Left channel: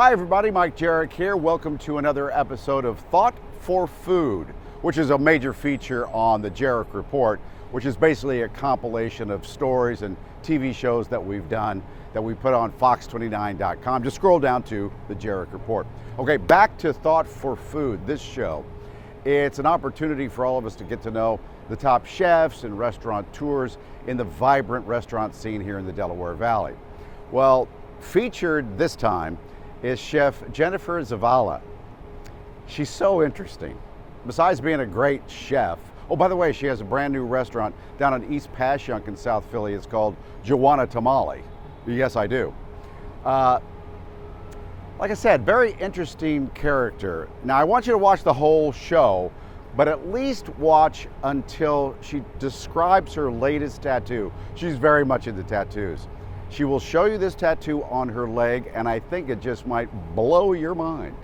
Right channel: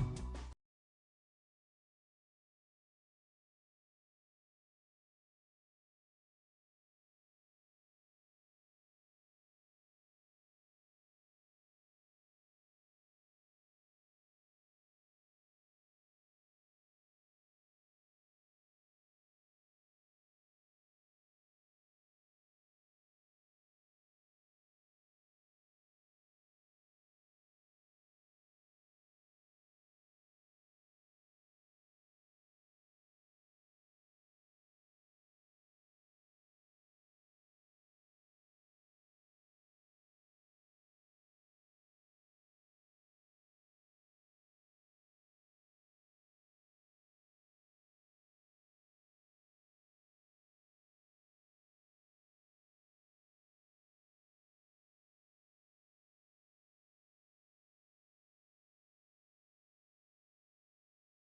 Hi everybody, Mike Jerrick here. Welcome to another episode of Thought for Food, which is a major feature on the Jerrick Report, which is basically a compilation of stories and TV shows that we've done that we put on fox29.com. Just scroll down to the Jerrick Report. Okay, back to Thought for Food, this show. It's an opportunity for all of us to get to know the top chefs and restaurateurs in the vibrant restaurant scene here in the Delaware Valley. Well, featured this time is Chef Jennifer Zavala. She's so interesting. Besides being a great chef, oh, by the way, she has a brand new restaurant down on East Passyunk in South Philly. It's called Juana Tamale. Yes, I do. Like I said, very interesting character. Now, I want you to watch the whole show, but at least watch until she describes her latest tattoo. She's very much into tattoos. She will show you this tattoo on her leg, and I think it just might blow your mind.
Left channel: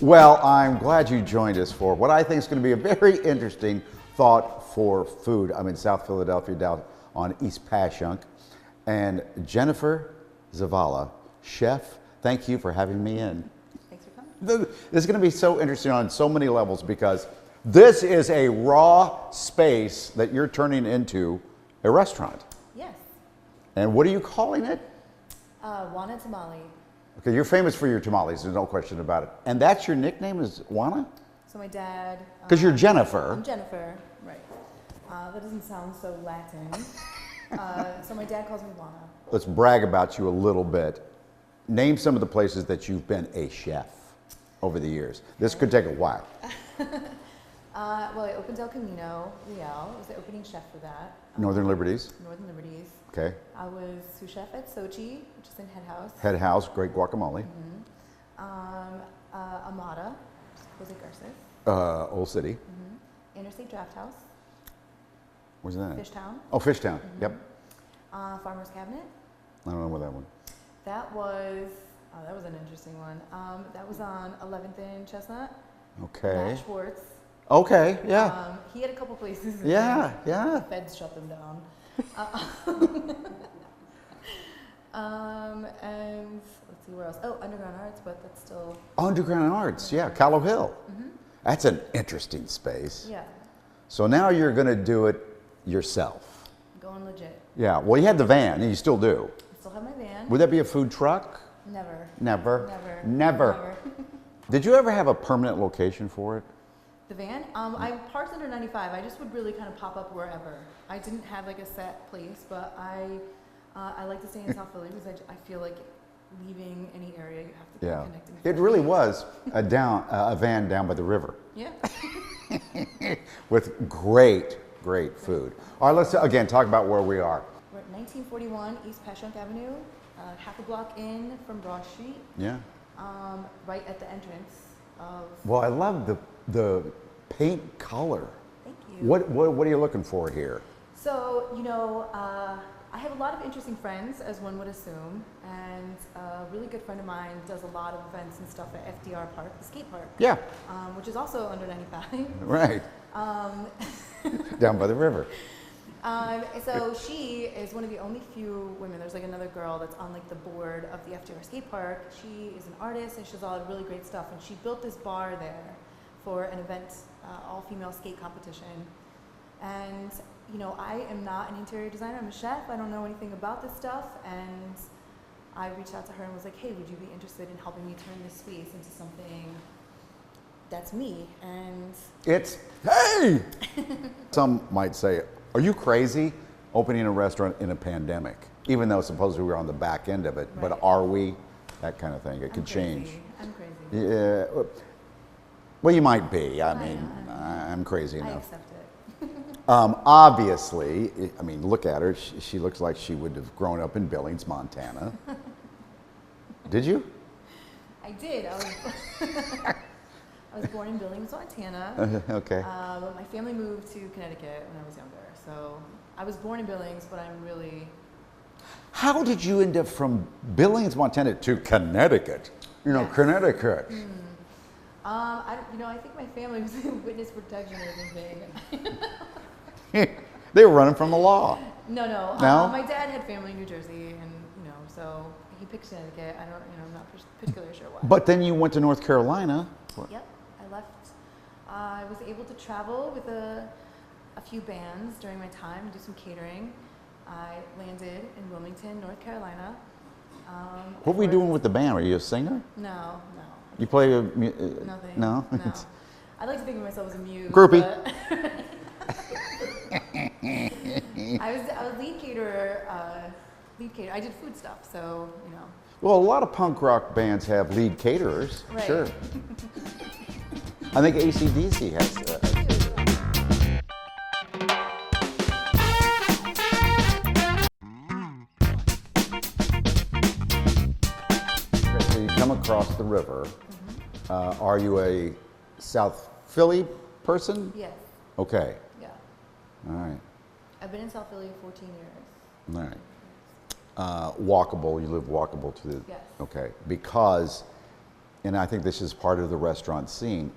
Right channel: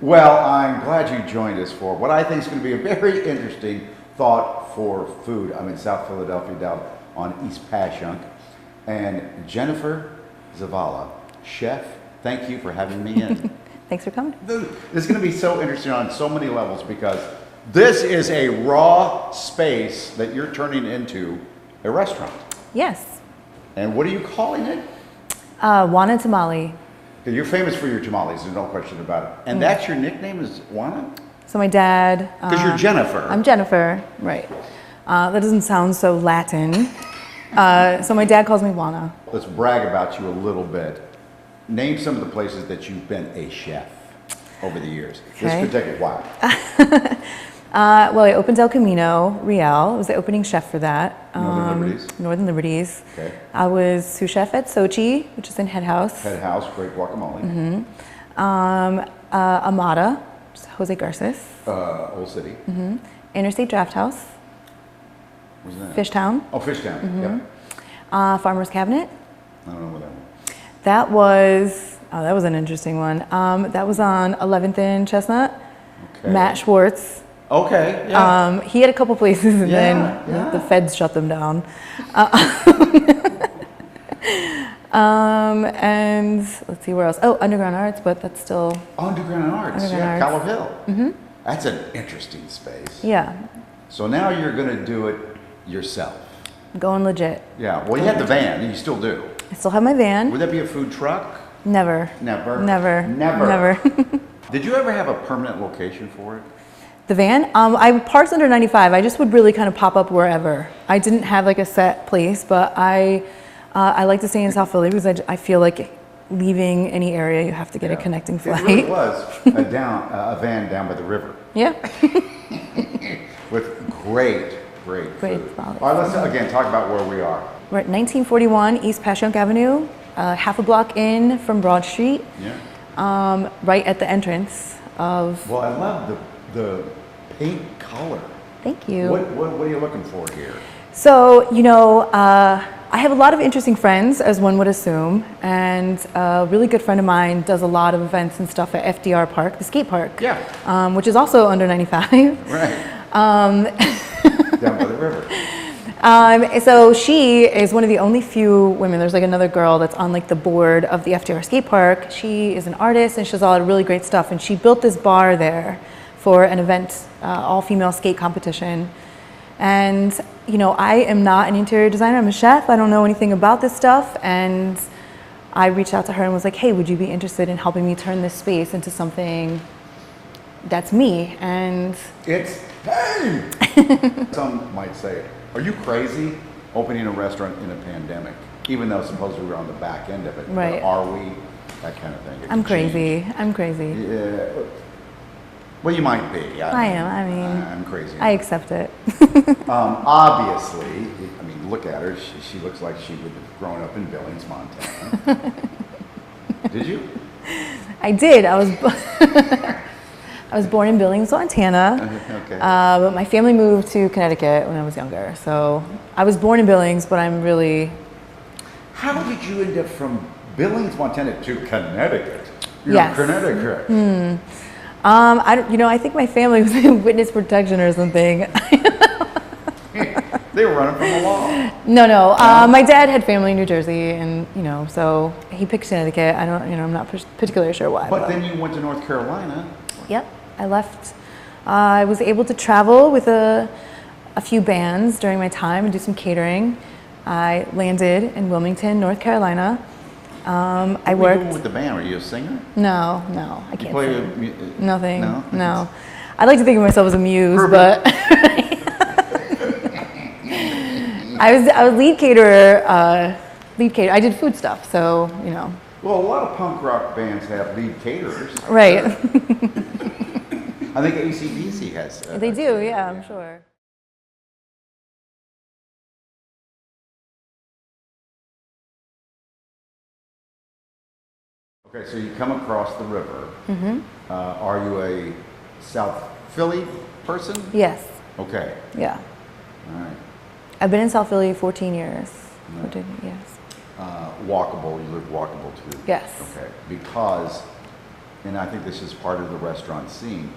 Well, I'm glad you joined us for what I think is going to be a very interesting Thought for Food. I'm in South Philadelphia, down on East Passyunk. And Jennifer Zavala, chef, thank you for having me in. Thanks for coming. This is going to be so interesting on so many levels because this is a raw space that you're turning into a restaurant. Yes. And what are you calling it? Juana Tamale. Because you're famous for your tamales, there's no question about it. And that's your nickname is Juana? So my dad... Because you're Jennifer. I'm Jennifer, right. That doesn't sound so Latin. So my dad calls me Juana. Let's brag about you a little bit. Name some of the places that you've been a chef over the years. Okay. This could take a while. Well, I opened El Camino Real. I was the opening chef for that. Northern Liberties. Northern Liberties. Okay. I was sous chef at Sochi, which is in Head House. Head House, great guacamole. Mm-hmm. Amada, Jose Garces. Old City. Mm-hmm. Interstate Draft House. Where's that? Fishtown. Oh, Fishtown. Mm-hmm. Yep. Farmer's Cabinet. I don't know where that one. That was, that was an interesting one. That was on 11th and Chestnut. Okay. Matt Schwartz. Okay, yeah. He had a couple places and then the feds shut them down. And let's see where else. Oh, Underground Arts, but that's still... Underground Arts, Underground Callow Arts. Hill. Mm-hmm. That's an interesting space. Yeah. So now you're going to do it yourself. Going legit. Yeah, well, you had the van, and you still do. I still have my van. Would that be a food truck? Never. Never? Never. Never? Never. Did you ever have a permanent location for it? The van? I parked under 95. I just would really kind of pop up wherever. I didn't have like a set place, but I like to stay in South Philly because I feel like leaving any area, you have to get a connecting flight. It really was a van down by the river. Yeah. With great food. All right, let's again talk about where we are. We're at 1941 East Passyunk Avenue, half a block in from Broad Street. Yeah. Right at the entrance of... Well, I love the paint color. Thank you. What are you looking for here? So, you know, I have a lot of interesting friends, as one would assume, and a really good friend of mine does a lot of events and stuff at FDR Park, the skate park. Yeah. Which is also under 95. Right. Down by the river. So she is one of the only few women, there's like another girl that's on like the board of the FDR skate park. She is an artist and she does a lot of really great stuff, and she built this bar there for an event, all-female skate competition. And, you know, I am not an interior designer, I'm a chef, I don't know anything about this stuff, and I reached out to her and was like, hey, would you be interested in helping me turn this space into something that's me? And it's, hey! Some might say, are you crazy opening a restaurant in a pandemic? Even though supposedly we're on the back end of it, right. But are we? That kind of thing. I'm crazy. I'm crazy. Yeah. Well, you might be. I am. I mean, I'm crazy. I accept it. Obviously, I mean, look at her. She looks like she would have grown up in Billings, Montana. Did you? I did. I was born in Billings, Montana. Okay. But my family moved to Connecticut when I was younger. So I was born in Billings, but I'm really... How did you end up from Billings, Montana to Connecticut? Yes. Connecticut. I think my family was in witness protection or something. They were running from the law. No, no. My dad had family in New Jersey, and so he picked Connecticut. I don't, I'm not particularly sure why. But then you went to North Carolina. Yep, I left. I was able to travel with a few bands during my time and do some catering. I landed in Wilmington, North Carolina. I worked. What were you doing with the band? Are you a singer? No, I can't sing. Nothing. No. I like to think of myself as a muse, but I was lead caterer. I did food stuff, so Well, a lot of punk rock bands have lead caterers. Right. I think AC/DC has that. They do, yeah, sure. Okay, so you come across the river. Mm-hmm. Are you a South Philly person? Yes. Okay. Yeah. All right. I've been in South Philly 14 years. Right. 14 years. Walkable, you live walkable too? Yes. Okay, because, and I think this is part of the restaurant scene,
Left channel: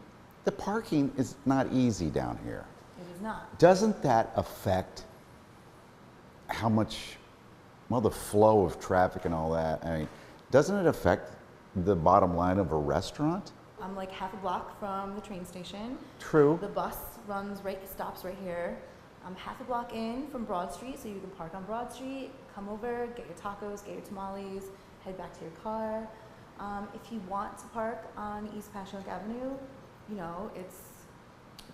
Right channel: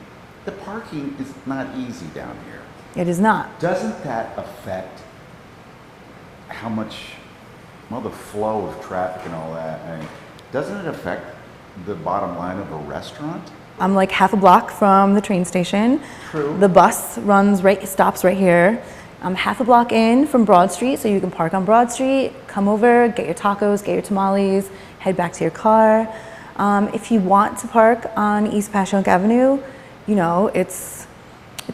the parking is not easy down here. It is not. Doesn't that affect how much, well, the flow of traffic and all that? I mean, doesn't it affect the bottom line of a restaurant? I'm like half a block from the train station. True. The bus stops right here. I'm half a block in from Broad Street, so you can park on Broad Street, come over, get your tacos, get your tamales, head back to your car. If you want to park on East Passyunk Avenue, it's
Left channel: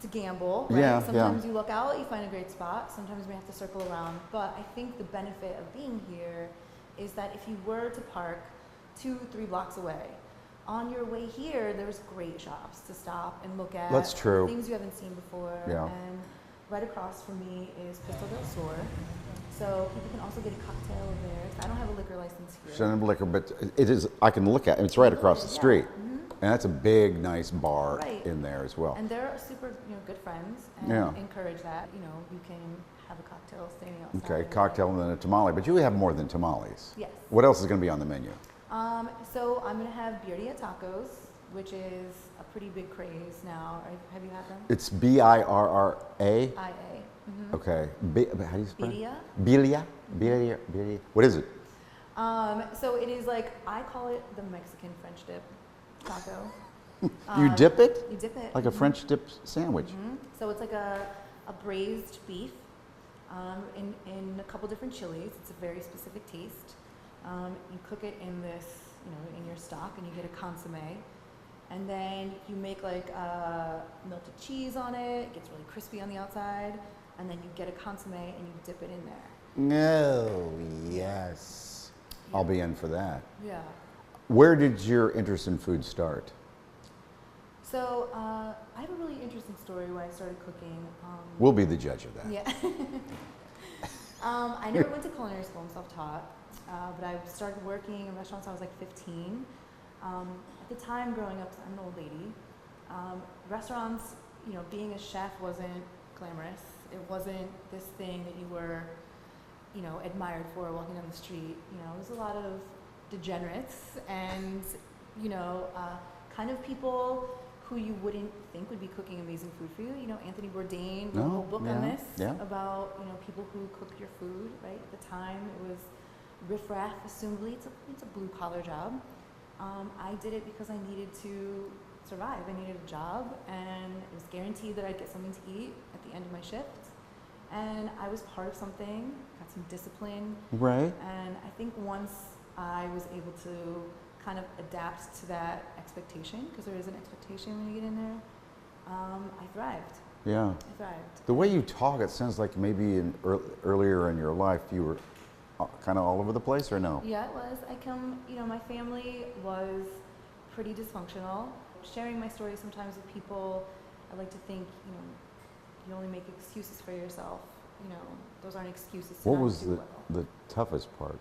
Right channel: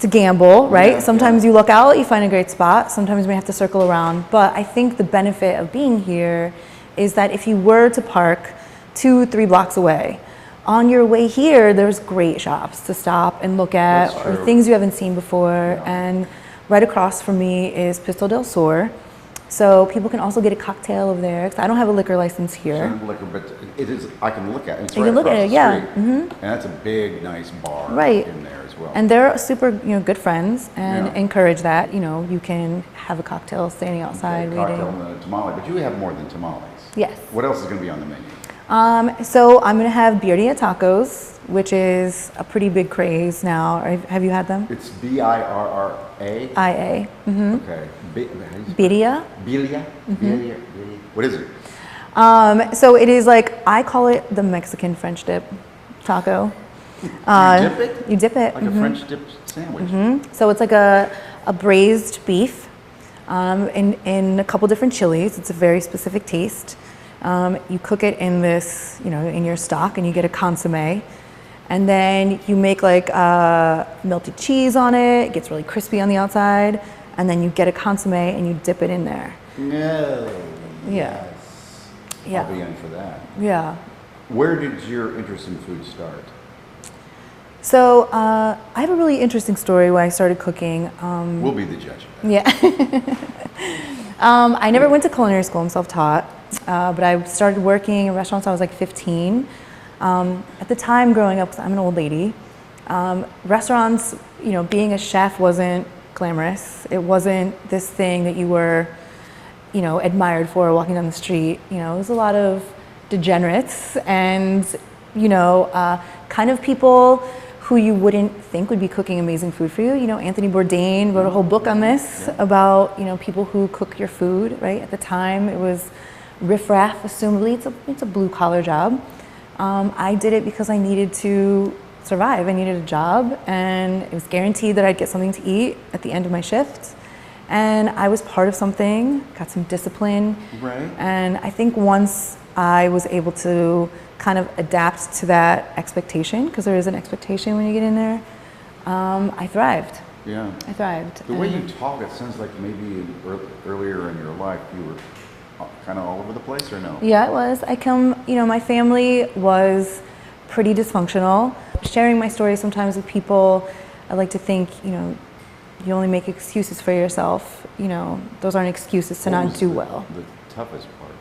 a gamble, right? Yeah, Sometimes you look out, you find a great spot. Sometimes you may have to circle around. But I think the benefit of being here is that if you were to park 2-3 blocks away, on your way here, there's great shops to stop and look at, That's or true. things you haven't seen before. Yeah. And right across from me is Pistol del Sur. So people can also get a cocktail over there, 'cause I don't have a liquor license here. Certain liquor, but it is, I can look at it. It's You right can look across at it, the yeah. street. Mhm. And that's a big, nice bar Right. in there as well. And they're super, good friends, and Yeah. encourage that. You can have a cocktail standing outside Okay, waiting. cocktail and a tamale, but you have more than tamales. Yes. What else is going to be on the menu? So I'm gonna have Beardia Tacos, which is a pretty big craze now. Have you had them? It's Birra. IA. Mm-hmm. Okay. How do you spell it? Beardia. Birria? Birria? What is it? So it is I call it the Mexican French dip taco. You dip it? You dip it. Like a French dip sandwich. So it's like a braised beef in a couple different chilies. It's a very specific taste. You cook it in this, in your stock, and you get a consommé. And then you make melted cheese on it. It gets really crispy on the outside. And then you get a consommé and you dip it in there. No. Yeah. Yes. Yeah. I'll be in for that. Yeah. Where did your interest in food start? So I have a really interesting story when I started cooking. We'll be the judge of that. Yeah. I never went to culinary school. I'm self-taught. But I started working in restaurants when I was 15. At the time growing up, 'cause I'm an old lady, restaurants, being a chef wasn't glamorous. It wasn't this thing that you were, admired for walking down the street. It was a lot of degenerates and, kind of people who you wouldn't think would be cooking amazing food for you. Anthony Bourdain wrote a whole book on this about, people who cook your food, right? At the time, it was riffraff, assumably. It's a blue collar job. I did it because I needed to survive. I needed a job, and it was guaranteed that I'd get something to eat at the end of my shift. And I was part of something, got some discipline. Right. And I think once I was able to kind of adapt to that expectation, because there is an expectation when you get in there, I thrived. Yeah. I thrived. The way you talk, it sounds like maybe earlier in your life you were kind of all over the place, or no? Yeah, it was. My family was pretty dysfunctional. Sharing my story sometimes with people, I like to think, you only make excuses for yourself. Those aren't excuses to not do well. The toughest part,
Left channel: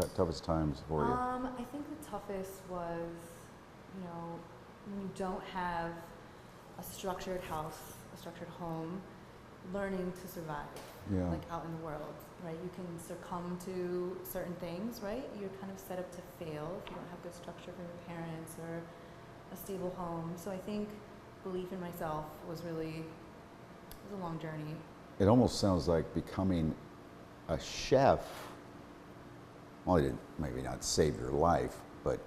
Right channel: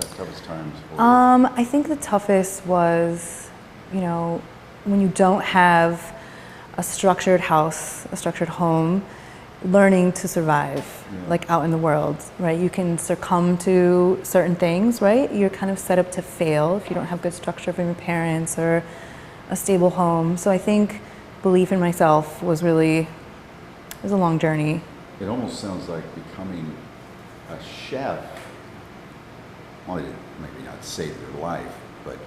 the toughest times for I think the toughest was, when you don't have a structured house, a structured home, learning to survive, out in the world, right? You can succumb to certain things, right? You're kind of set up to fail if you don't have good structure from your parents or a stable home. So I think belief in myself was a long journey. It almost sounds like becoming a chef, well, maybe not save your life, but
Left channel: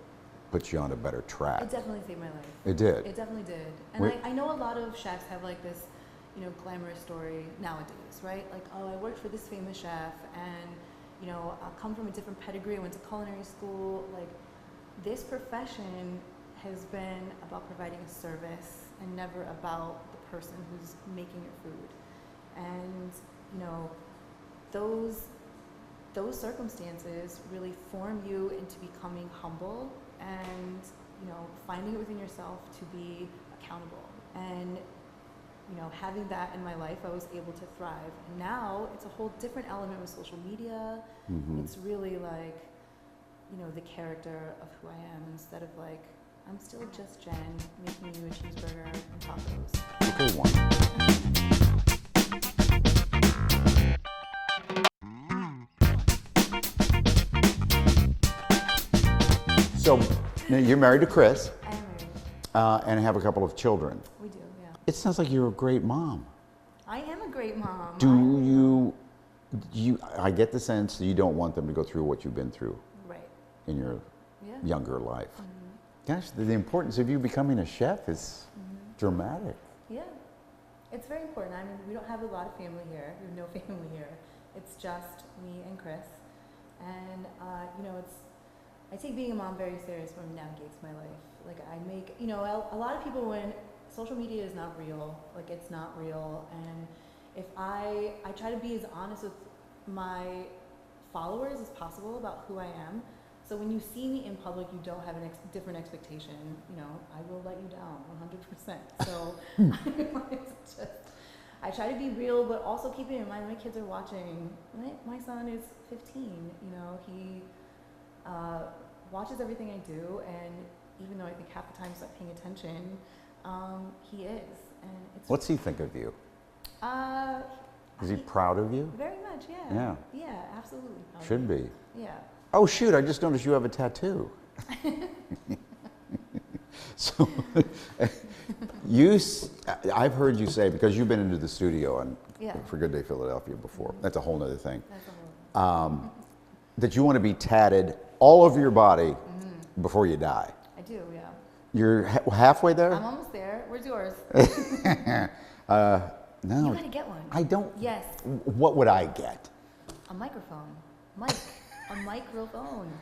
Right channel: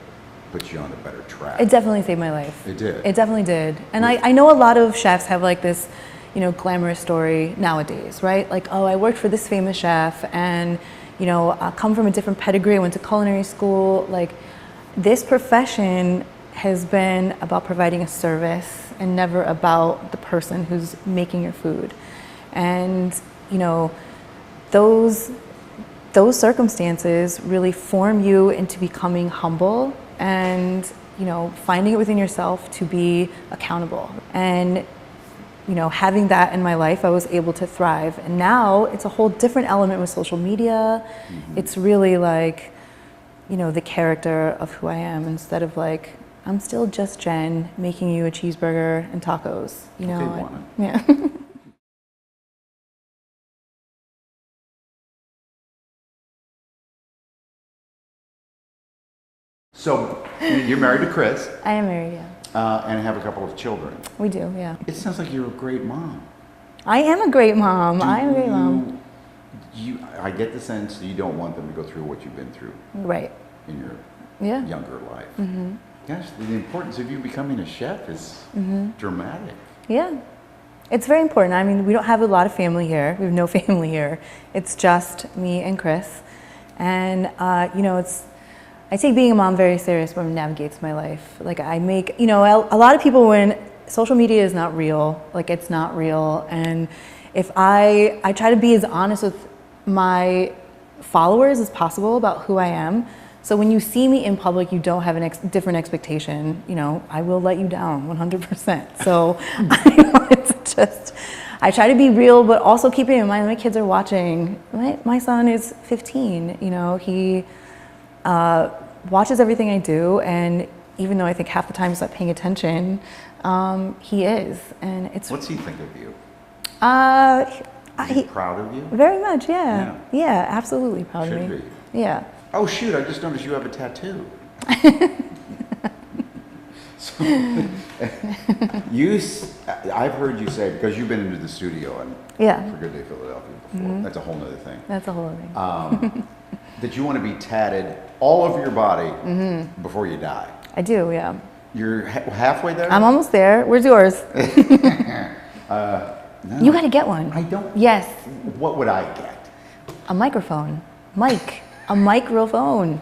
put you on a better track. It definitely saved my life. It did. It definitely did. And I know a lot of chefs have like this, you know, glamorous story nowadays, right? Like, oh, I worked for this famous chef and, you know, I come from a different pedigree, I went to culinary school. Like, this profession has been about providing a service and never about the person who's making your food. And, you know, those circumstances really form you into becoming humble and, you know, finding it within yourself to be accountable. And, you know, having that in my life, I was able to thrive. And now it's a whole different element with social media. Mm-hmm. It's really like, you know, the character of who I am instead of like, I'm still just Jen making you a cheeseburger and tacos, you know? Yeah. So, you're married to Chris. I am married, yeah. And have a couple of children. We do, yeah. It sounds like you're a great mom. I am a great mom. I am a great mom. I get the sense that you don't want them to go through what you've been through. Right. In your younger life. Mm-hmm. Gosh, the importance of you becoming a chef is dramatic. Yeah. It's very important. I mean, we don't have a lot of family here. We have no family here. It's just me and Chris. And, you know, I take being a mom very serious when it navigates my life. Like I make, you know, a lot of people when social media is not real, like it's not real. And if I try to be as honest with my followers as possible about who I am. So when you see me in public, you don't have a different expectation. You know, I will let you down 100%. So I know it's just, I try to be real, but also keeping in mind my kids are watching. My son is 15, you know, he watches everything I do, and even though I think half the time he's not paying attention, he is, and it's. What's he think of you? Is he proud of you? Very much, yeah. Yeah, absolutely proud of me. Should be. Yeah. Oh shoot! I just noticed you have a tattoo. So, I've heard you say, because you've been into the studio and for Good Day Philadelphia before. That's a whole other thing. That's a whole other thing. That you want to be tatted all over your body before you die. I do, yeah. You're halfway there? I'm almost there. Where's yours? No. You got to get one. I don't. Yes. What would I get? A microphone. A microphone.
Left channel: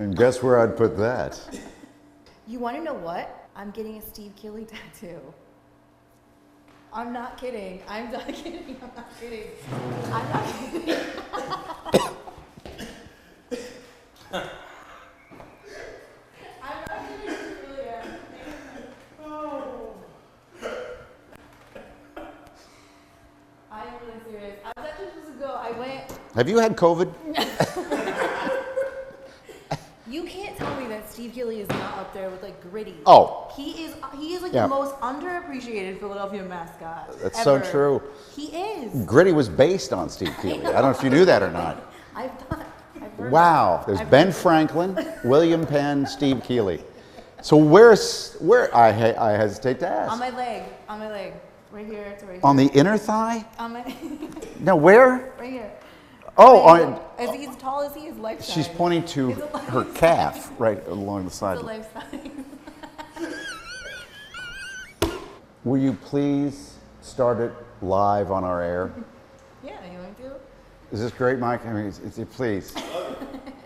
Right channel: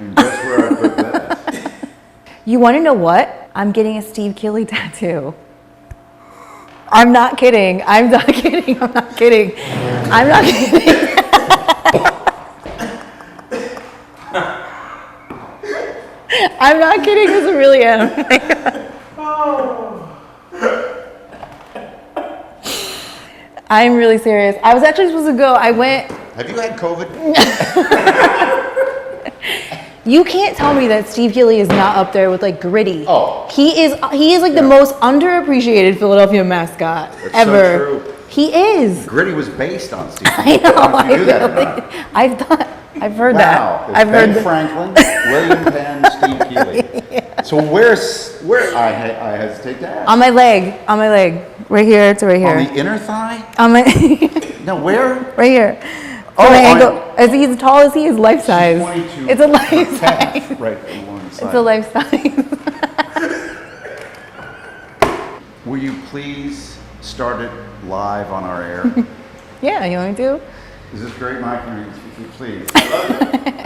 And guess where I put that? You want to know what? I'm getting a Steve Keeley tattoo. I'm not kidding. I'm not kidding. I'm not kidding. I'm not kidding. I'm not kidding because I really am. I'm really serious. I was actually supposed to go. I went. Have you had COVID? You can't tell me that Steve Keeley is not up there with like Gritty. Oh. He is like the most underappreciated Philadelphia mascot ever. So true. He is. Gritty was based on Steve. I know. I don't know if you knew that or not. I've heard that. Wow. I've Ben heard Franklin, William Penn, Steve Keeley. Yeah. So where I hesitate to ask. On my leg. Right here to right here. On the inner thigh? On my No, where? Right here. Oh, my ankle. As he's as tall as he is, life size. 22. It's a life size. Right along the side. It's a life size. Will you please start it live on our air? Yeah, you want me to? Is this great, Mike? Please. I love it.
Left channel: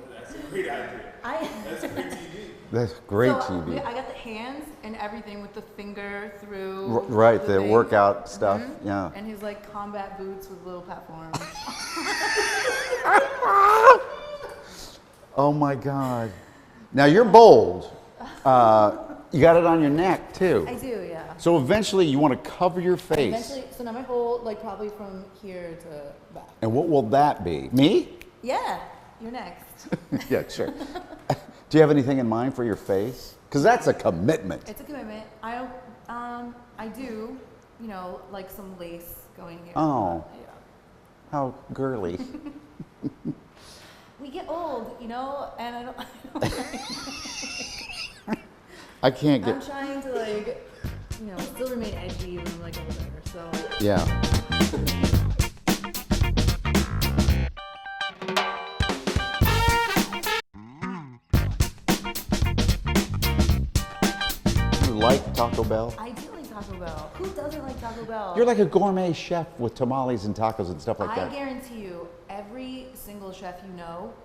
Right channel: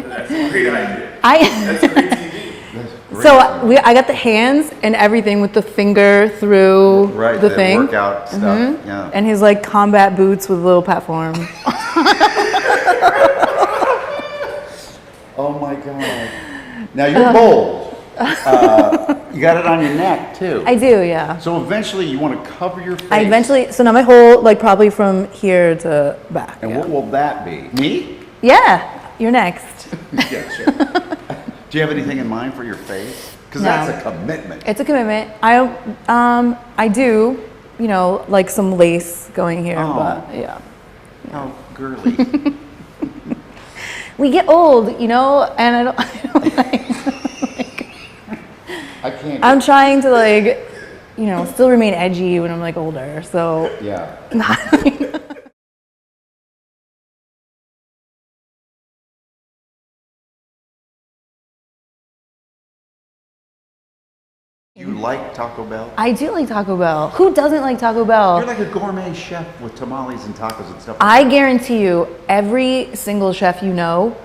That's a great idea. That's great TV. That's great. So I got the hands and everything with the finger through the thing. Workout stuff. Yeah. And his like combat boots with a little platform. Oh my God. Now you're bold. You got it on your neck too. I do, yeah. So eventually you want to cover your face. So now my whole, like probably from here to back. And what will that be? Me? Yeah, you're next. Yeah, sure. Do you have anything in mind for your face? Because that's a commitment. It's a commitment. I do, you know, like some lace going here, but yeah. Oh, girly. We get old, you know, and I don't like. I can't. I'm trying to like, you know, still remain edgy when I'm like older. So yeah. I do like Taco Bell. Who doesn't like Taco Bell? You're like a gourmet chef with tamales and tacos and stuff like I that. guarantee you, every single chef you know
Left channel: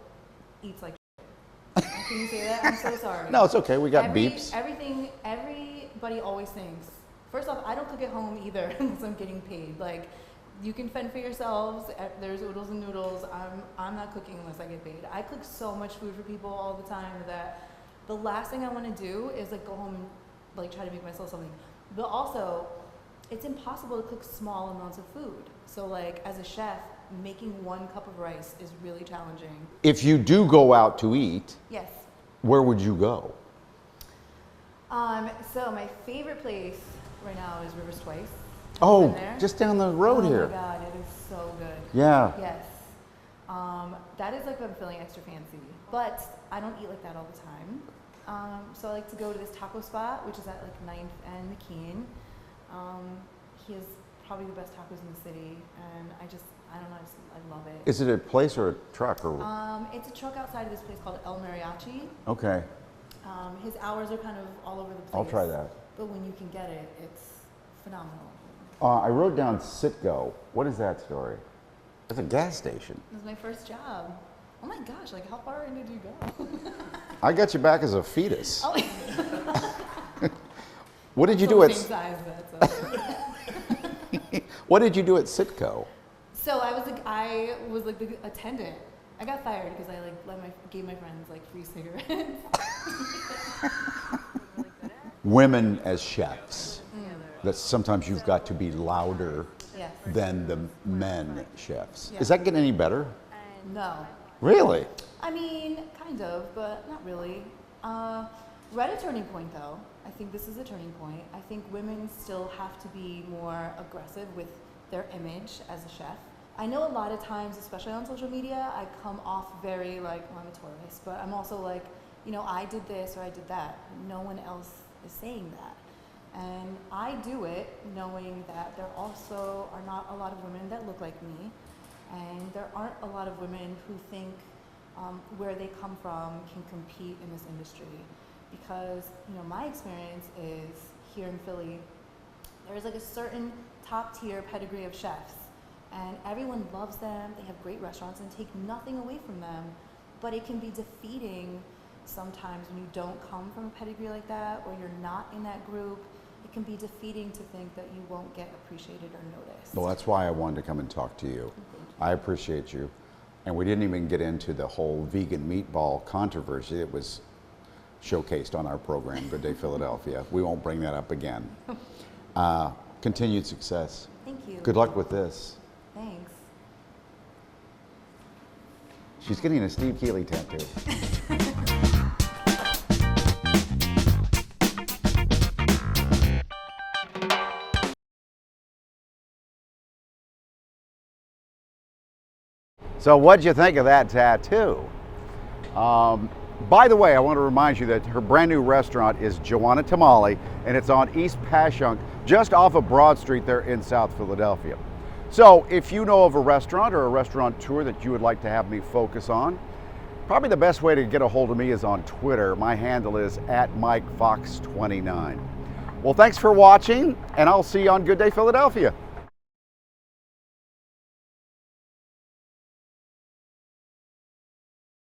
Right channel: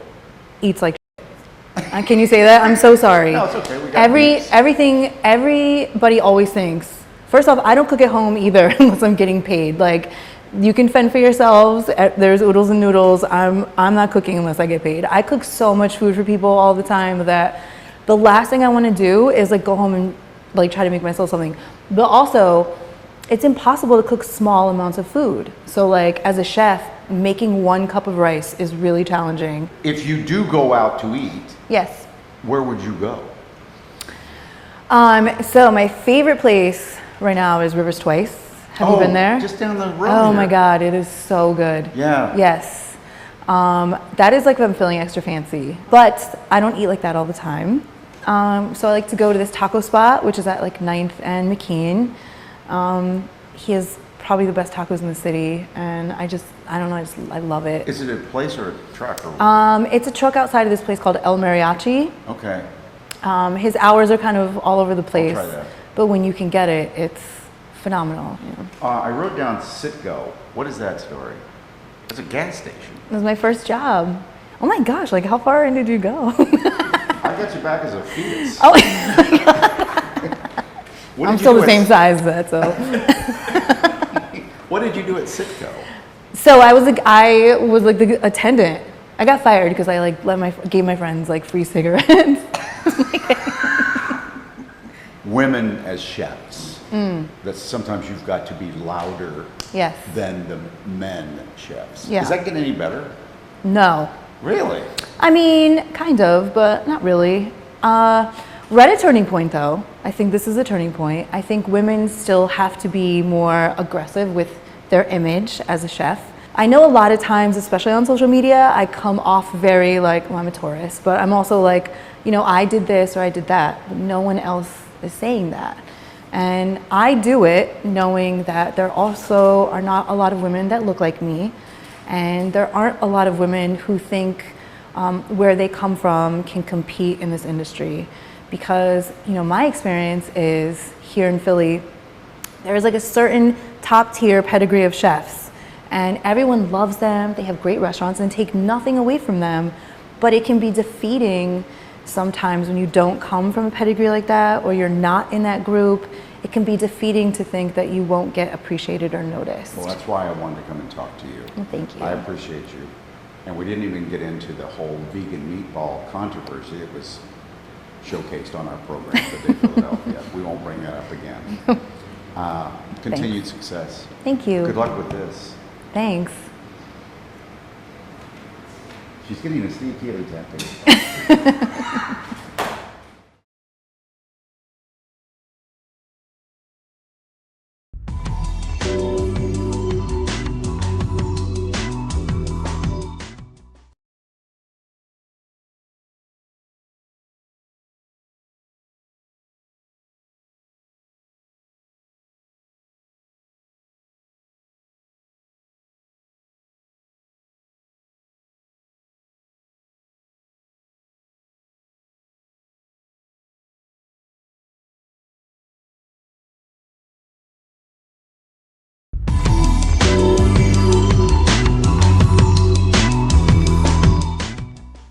eats like shit. Can you say that? I'm so sorry. No, it's okay. We got beeps. Everybody always thinks, first off, I don't cook at home either unless I'm getting paid. Like, you can fend for yourselves. There's oodles and noodles. I'm not cooking unless I get paid. I cook so much food for people all the time that the last thing I want to do is like go home and like try to make myself something. But also, it's impossible to cook small amounts of food. So like as a chef, making 1 cup of rice is really challenging. If you do go out to eat, Yes. where would you go? So my favorite place right now is Rivers Twice. Have you been there? Just down the road. Oh here. my God, it is so good. Yeah. Yes. That is like if I'm feeling extra fancy, but I don't eat like that all the time. So I like to go to this taco spot, which is at like 9th and McKean. He has probably the best tacos in the city, and I don't know, I love it. Is it a place or a truck? Or... It's a truck outside of this place called El Mariachi. Okay. His hours are kind of all over the place, I'll try that. but when you can get it, it's phenomenal. Yeah. I wrote down Citgo. What is that story? It's a gas station. It was my first job. Oh my gosh, like how far in did you go? I got you back as a fetus. Oh my God. What I'm did you still do the at same size, but so. What did you do at Citgo? So I was like the attendant. I got fired because I like gave my friends like free cigarettes. Women as chefs. That sometimes you've got to be louder Yes. than the men chefs. Yeah. Is that getting any better? No. Really? I mean, kind of, but not really. We're at a turning point though. I think this is a turning point. I think women still have to be more aggressive with their image as a chef. I know a lot of times, especially on social media, I come off very like, well, I'm a tourist, but I'm also like, you know, I did this or I did that. But no one else is saying that. And I do it knowing that there also are not a lot of women that look like me. And there aren't a lot of women who think where they come from can compete in this industry. Because, you know, my experience is here in Philly, there's like a certain top tier pedigree of chefs. And everyone loves them, they have great restaurants and take nothing away from them. But it can be defeating sometimes when you don't come from a pedigree like that or you're not in that group. It can be defeating to think that you won't get appreciated or noticed. Well, that's why I wanted to come and talk to you. Well, thank you. I appreciate you. And we didn't even get into the whole vegan meatball controversy. It was showcased on our program, Good Day Philadelphia. We won't bring that up again. Continued success. Thank you. Good luck with this. Thanks. She's getting a Steve Keeley tattoo. So what'd you think of that tattoo? By the way, I want to remind you that her brand new restaurant is Juana Tamale, and it's on East Passyunk, just off of Broad Street there in South Philadelphia. So if you know of a restaurant or a restaurateur that you would like to have me focus on, probably the best way to get a hold of me is on Twitter. My handle is @MikeFox29. Well, thanks for watching, and I'll see you on Good Day Philadelphia.